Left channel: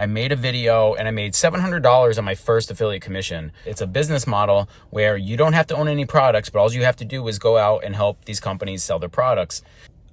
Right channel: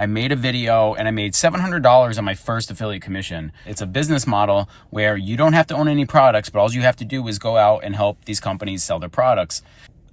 I made a video and I made $700 on my first affiliate commission. It's a business model where you don't have to own any products, but all you have to do is go out and help these companies sell their products.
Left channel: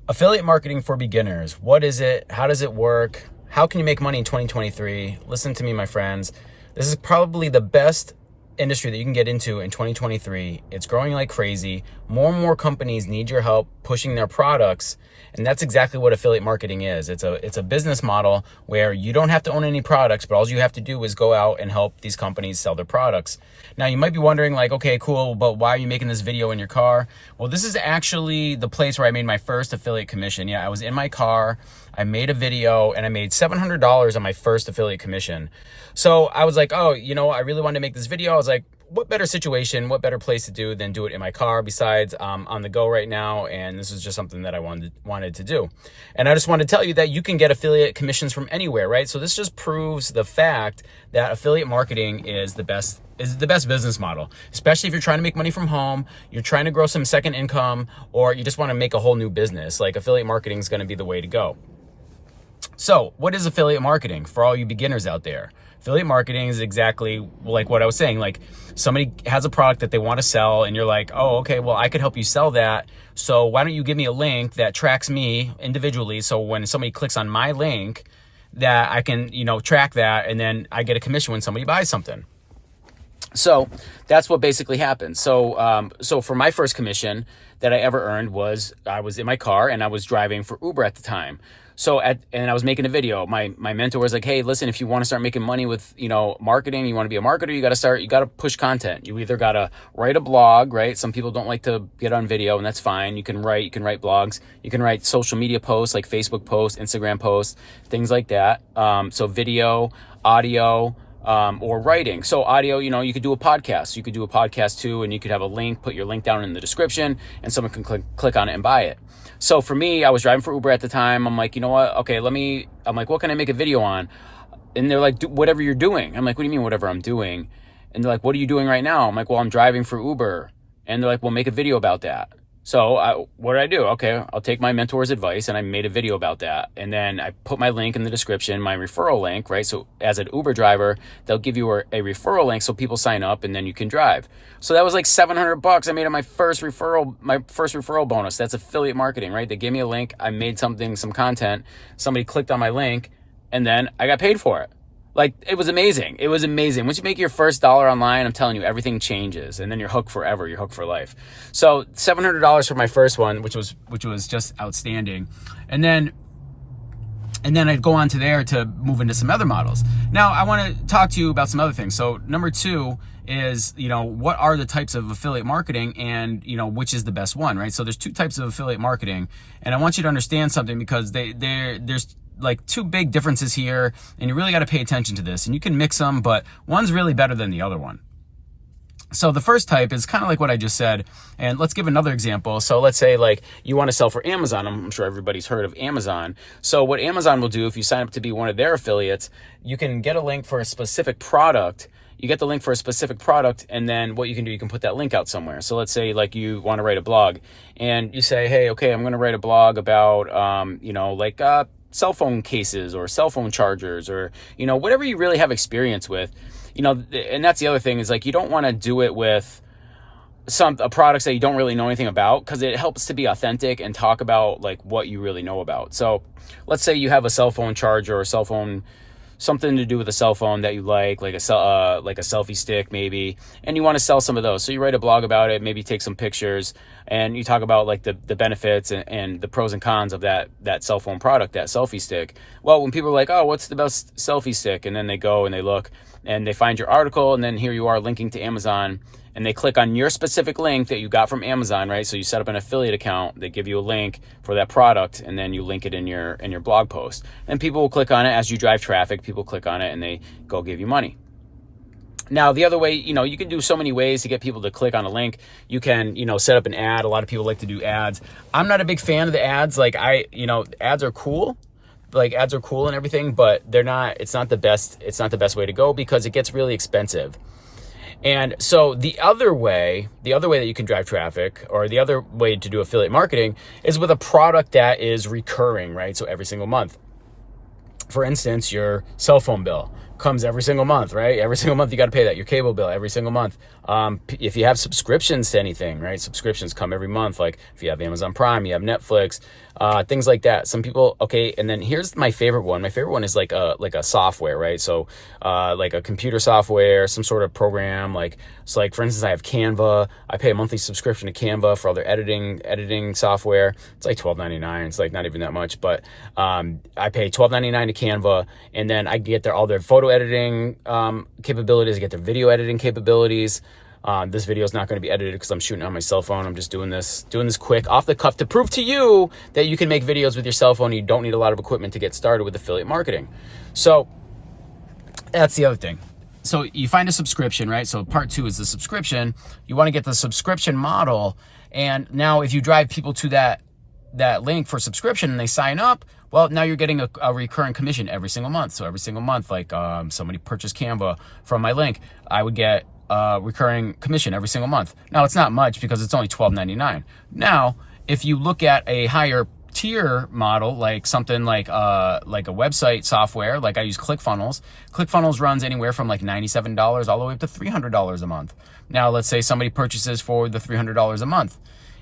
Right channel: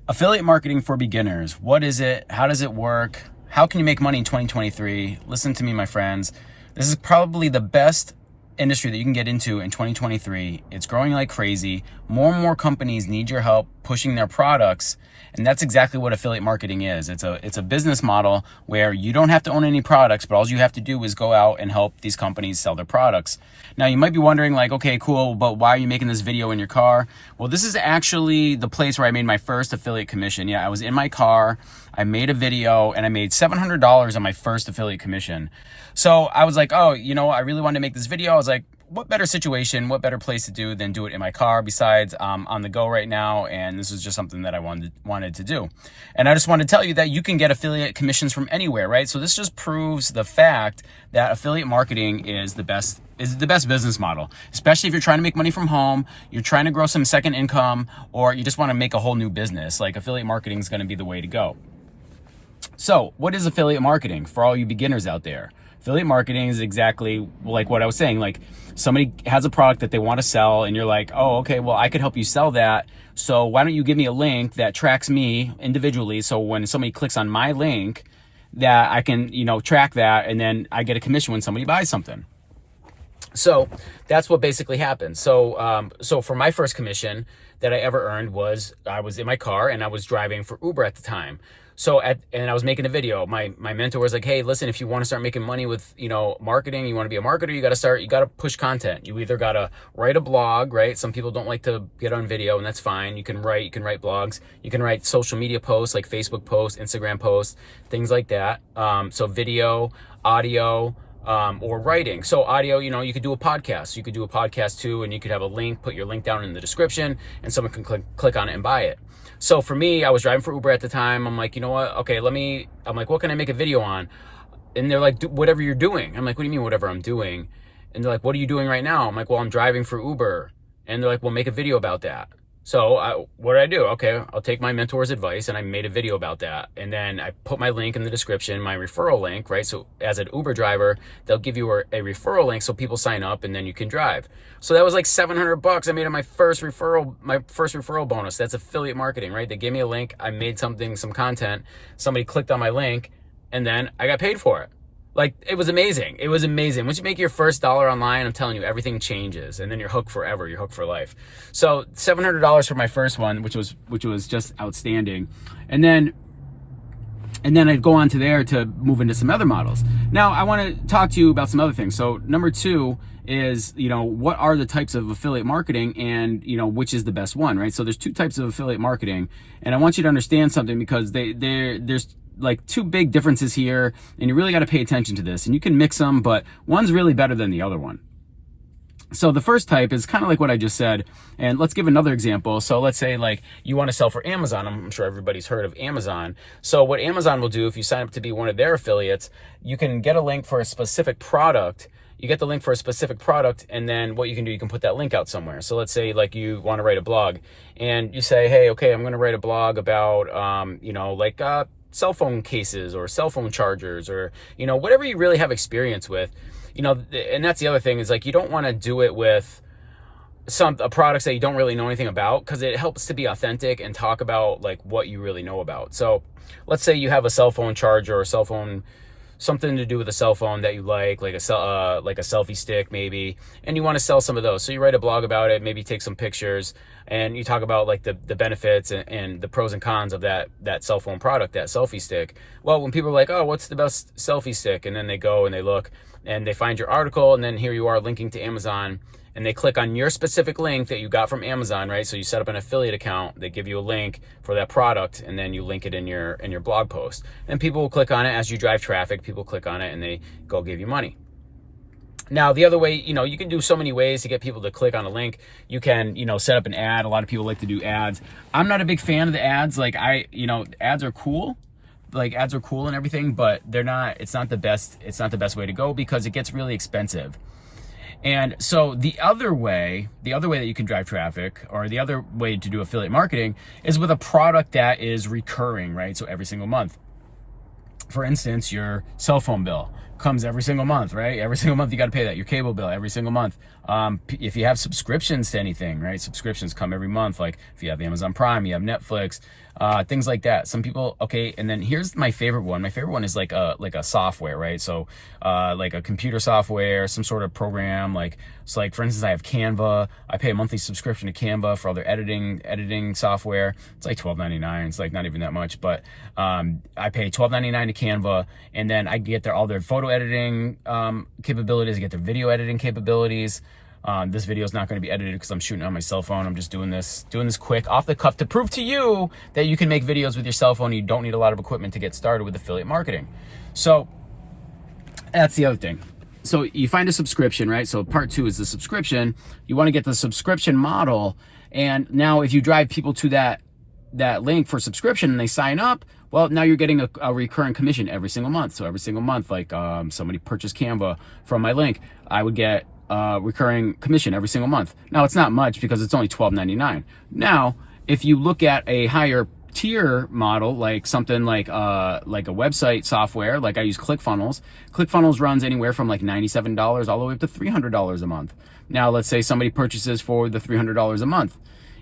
Affiliate marketing for beginners. What is it? How does it work? How can you make money in 2023? Listen to me, my friends. This is probably the best industry that you can get into in 2023. It's growing like crazy. More and more companies need your help pushing their products. And that's exactly what affiliate marketing is. It's a business model where you don't have to own any products, but all you have to do is go out and help these companies sell their products. Now, you might be wondering like, okay, cool, but why are you making this video in your car? Well, this is actually the place where I made my first affiliate commission. Yeah, I was in my car, I made a video, and I made $700 on my first affiliate commission. So I was like, oh, I really wanted to make this video. I was like, what better situation, what better place to do than do it in my car? Besides, I'm on the go right now, and this is just something that I wanted to do. And I just wanted to tell you that you can get affiliate commissions from anywhere, right? So this just proves the fact that affiliate marketing is the best business model, especially if you're trying to make money from home, you're trying to grow some second income, or you just want to make a whole new business. Like, affiliate marketing is going to be the way to go. So what is affiliate marketing for all you beginners out there? Affiliate marketing is exactly like what I was saying. Like, somebody has a product that they want to sell and you're like, oh, okay, well, I could help you sell that. So why don't you give me a link that tracks me individually? So when somebody clicks on my link, that I can, track that, and then I get a commission when somebody buys something. So that's what basically happened. So for my first commission that I ever earned was, I was in my car and I was driving for Uber at the time. And I was making a video. My mentor was like, hey, listen, if you want to start making money with, marketing, you want to be a marketer, you got to push content. You either got to write a blog, right? Some people don't like to get on video, and that's fine. You can write blogs. You can write social media posts like Facebook posts, Instagram posts, things like that. So video, audio, or writing. So audio, you could do a podcast. You could do a podcast too, and you could have a link, put your link down in the description, and someone can click on it and buy it. So for me, I was driving for Uber at the time. I'm like, you know what? Okay, I'm like, what can I make a video on? And they're like, whatever you're doing. I'm like, what do you mean whatever I'm doing? And they're like, what are you doing right now? I'm like, well, I'm driving for Uber. And they're like, well, make a video about that. So what did I do? Okay, I'll take my mentor's advice, and I made a video about that. And then I put my link in the description, my referral link, right? So as an Uber driver, they'll give you a referral link so people sign up and then you can drive. So that was like $700 I made on my first referral bonus. That's affiliate marketing, right? They gave me a link, I made some content, somebody clicked on my link, and then I got paid for it. Like, it was amazing. It was amazing. Once you make your first dollar online, I'm telling you, everything changes, and then you're hooked forever. You're hooked for life. So $700 for my first one, which was just outstanding. And then I'd go on to there to move into some other models. Now, I want to talk to you about some other things. So number two is, what are the types of affiliate marketing, and, which is the best one, right? So there's two types of affiliate marketing, and I want you to understand something, because there's like two big differences here, and you really got to pay attention to this. And you can mix them, but one's really better than the other one. So the first type is kind of like what I just said, and let's give another example. So let's say like you want to sell for Amazon. I'm sure everybody's heard of Amazon. So what Amazon will do, if you sign up to be one of their affiliates, you can get a link for a specific product. You get the link for a specific product, and then what you can do, you can put that link out somewhere. So let's say like you want to write a blog, and you say, hey, okay, I'm going to write a blog about, cell phone cases or cell phone chargers, or, whatever you really have experience with, and that's the other thing, is like, you don't want to do it with products that you don't really know anything about, because it helps to be authentic and talk about like what you really know about. So let's say you have a cell phone charger or cell phone, something to do with a cell phone that you like a selfie stick maybe, and you want to sell some of those. So you write a blog about it, maybe take some pictures, and you talk about like the benefits and the pros and cons of that cell phone product, that selfie stick. Well, when people are like, oh, what's the best selfie stick? And then they go and they look and they find your article, and then here you are linking to Amazon, and they click on your specific link that you got from Amazon, right? So you set up an affiliate account, they give you a link for that product, and then you link it in your blog post. And people will click on it as you drive traffic. People click on it and they go give you money. Now, the other way, you can do so many ways to get people to click on a link. You can, set up an ad. A lot of people like to do ads. I'm not a big fan of the ads. Like ads are cool. Like ads are cool and everything, but it's not the best way to go, because it gets really expensive. And so the other way that you can drive traffic, or the other way to do affiliate marketing, is with a product that is recurring, right? So every single month. For instance, your cell phone bill comes every single month, right? Every single month you got to pay that. Your cable bill every single month. If you have subscriptions to anything, right? Subscriptions come every month. Like if you have Amazon Prime, you have Netflix, things like that. Some people, okay. And then here's my favorite one. My favorite one is like a software, right? So, like a computer software, some sort of program. Like, so like for instance, I have Canva. I pay a monthly subscription to Canva for all their editing software. It's like $12.99. It's like not even that much, but, I pay $12.99 to Canva, and then I get all their photo editing, capabilities. I get their video editing capabilities. This video is not going to be edited because I'm shooting on my cell phone. I'm just doing this quick off the cuff to prove to you that you can make videos with your cell phone. You don't need a lot of equipment to get started with affiliate marketing. So that's the other thing. So you find a subscription, right? So part 2 is the subscription. You want to get the subscription model. And now if you drive people to that link for subscription and they sign up, well, now you're getting a recurring commission every single month. So every single month, like somebody purchased Canva from my link, I would get recurring commission every single month. Now it's not much because it's only $12.99. Now, if you look at a higher tier model, like something like a website software, like I use ClickFunnels. ClickFunnels runs anywhere from like $97 all the way up to $300 a month. Now, let's say somebody purchases for the $300 a month.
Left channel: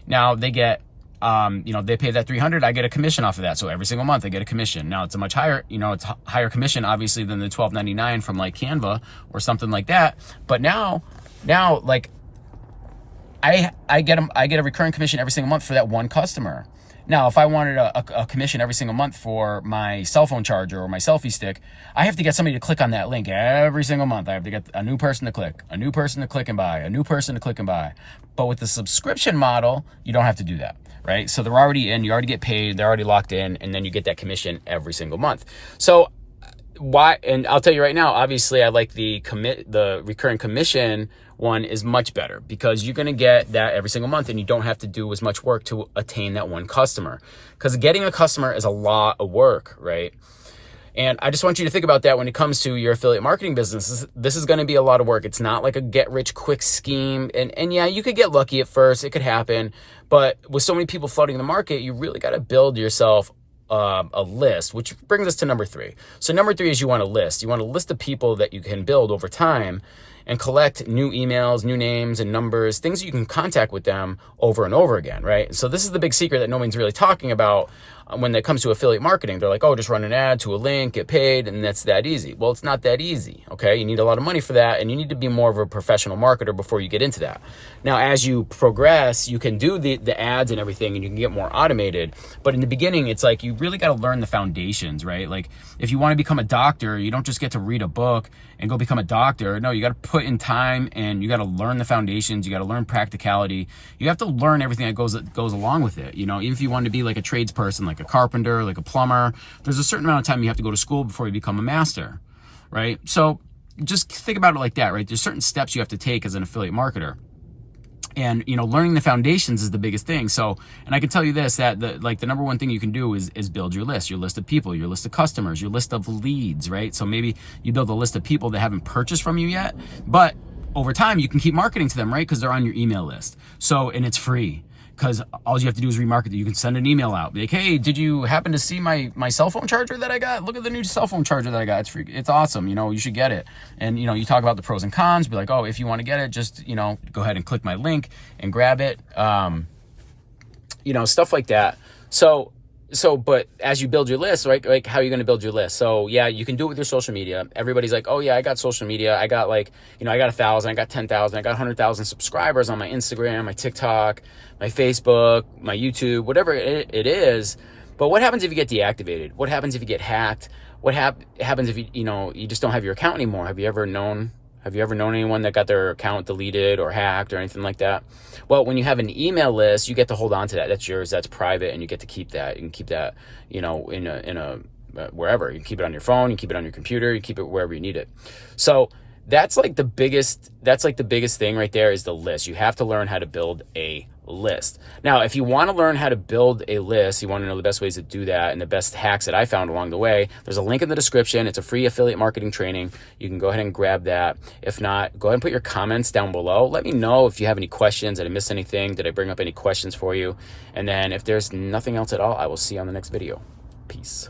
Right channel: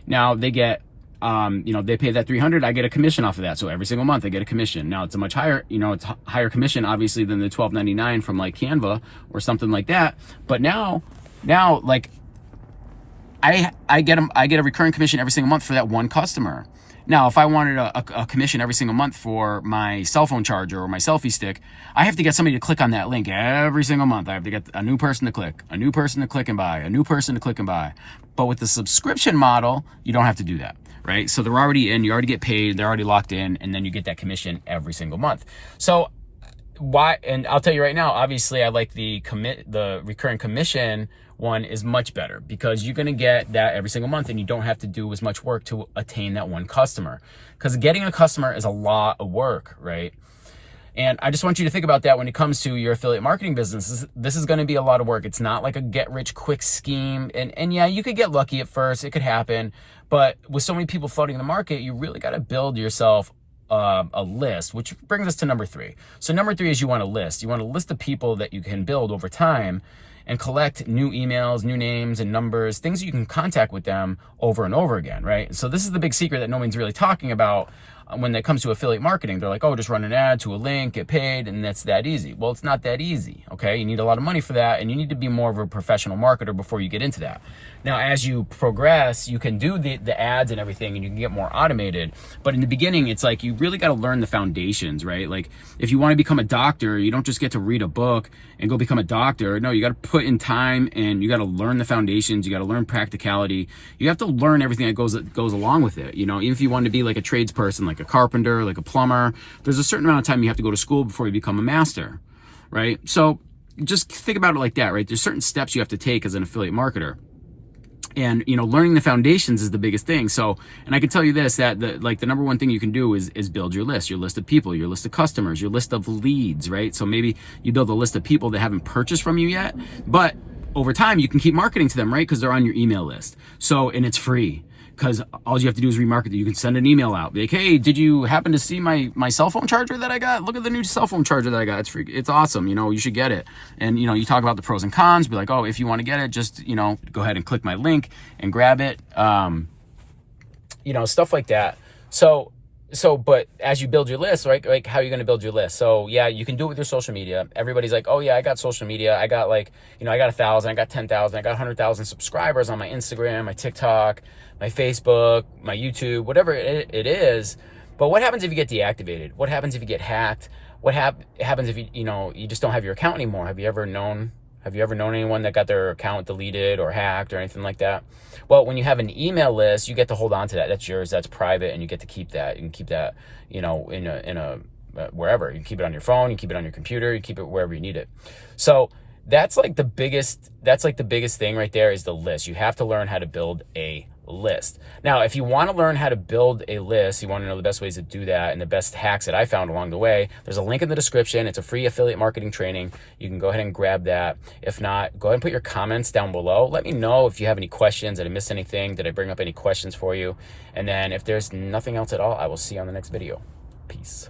Now they get, they pay that $300, I get a commission off of that. So every single month I get a commission. Now it's a much higher, it's higher commission obviously than the $12.99 from like Canva or something like that. But now like I get a recurring commission every single month for that one customer. Now, if I wanted a commission every single month for my cell phone charger or my selfie stick, I have to get somebody to click on that link every single month. I have to get a new person to click, a new person to click and buy, a new person to click and buy. But with the subscription model, you don't have to do that, right? So they're already in, you already get paid, they're already locked in, and then you get that commission every single month. So why, and I'll tell you right now, obviously I like the recurring commission one is much better because you're going to get that every single month and you don't have to do as much work to attain that one customer, because getting a customer is a lot of work, right? And I just want you to think about that when it comes to your affiliate marketing business. This is going to be a lot of work. It's not like a get rich quick scheme. And yeah, you could get lucky at first. It could happen. But with so many people flooding the market, you really got to build yourself a list, which brings us to number 3. So number 3 is you want a list. You want a list of people that you can build over time and collect new emails, new names and numbers, things you can contact with them over and over again, right? So this is the big secret that no one's really talking about when it comes to affiliate marketing. They're like, oh, just run an ad to a link, get paid, and that's that easy. Well, it's not that easy, okay? You need a lot of money for that, and you need to be more of a professional marketer before you get into that. Now, as you progress, you can do the ads and everything, and you can get more automated. But in the beginning, it's like you really got to learn the foundations, right? Like if you want to become a doctor, you don't just get to read a book and go become a doctor. No, you got to put in time and you got to learn the foundations. You got to learn practicality. You have to learn everything that goes along with it. Even if you want to be like a tradesperson, like a carpenter, like a plumber, there's a certain amount of time you have to go to school before you become a master, right? So just think about it like that, right? There's certain steps you have to take as an affiliate marketer. And, learning the foundations is the biggest thing. So, and I can tell you this, that the number one thing you can do is build your list of people, your list of customers, your list of leads, right? So maybe you build a list of people that haven't purchased from you yet, but over time you can keep marketing to them, right? Because they're on your email list. So, and it's free. Because all you have to do is remarket it. You can send an email out. Be like, hey, did you happen to see my cell phone charger that I got? Look at the new cell phone charger that I got. It's free. It's awesome. You should get it. And, you talk about the pros and cons. Be like, oh, if you want to get it, just, go ahead and click my link and grab it. Stuff like that. So, but as you build your list, right? Like, how are you going to build your list? So yeah, you can do it with your social media. Everybody's like, oh yeah, I got social media. I got I got 1,000, I got 10,000, I got 100,000 subscribers on my Instagram, my TikTok, my Facebook, my YouTube, whatever it is. But what happens if you get deactivated? What happens if you get hacked? What happens if you just don't have your account anymore? Have you ever known anyone that got their account deleted or hacked or anything like that? Well, when you have an email list, you get to hold on to that. That's yours. That's private, and you get to keep that. You can keep that, in a wherever. You can keep it on your phone. You keep it on your computer. You keep it wherever you need it. So that's like the biggest thing right there is the list. You have to learn how to build a list. Now, if you want to learn how to build a list, you want to know the best ways to do that and the best hacks that I found along the way, there's a link in the description. It's a free affiliate marketing training. You can go ahead and grab that. If not, go ahead and put your comments down below. Let me know if you have any questions. Did I miss anything? Did I bring up any questions for you? And then if there's nothing else at all, I will see you on the next video. Peace.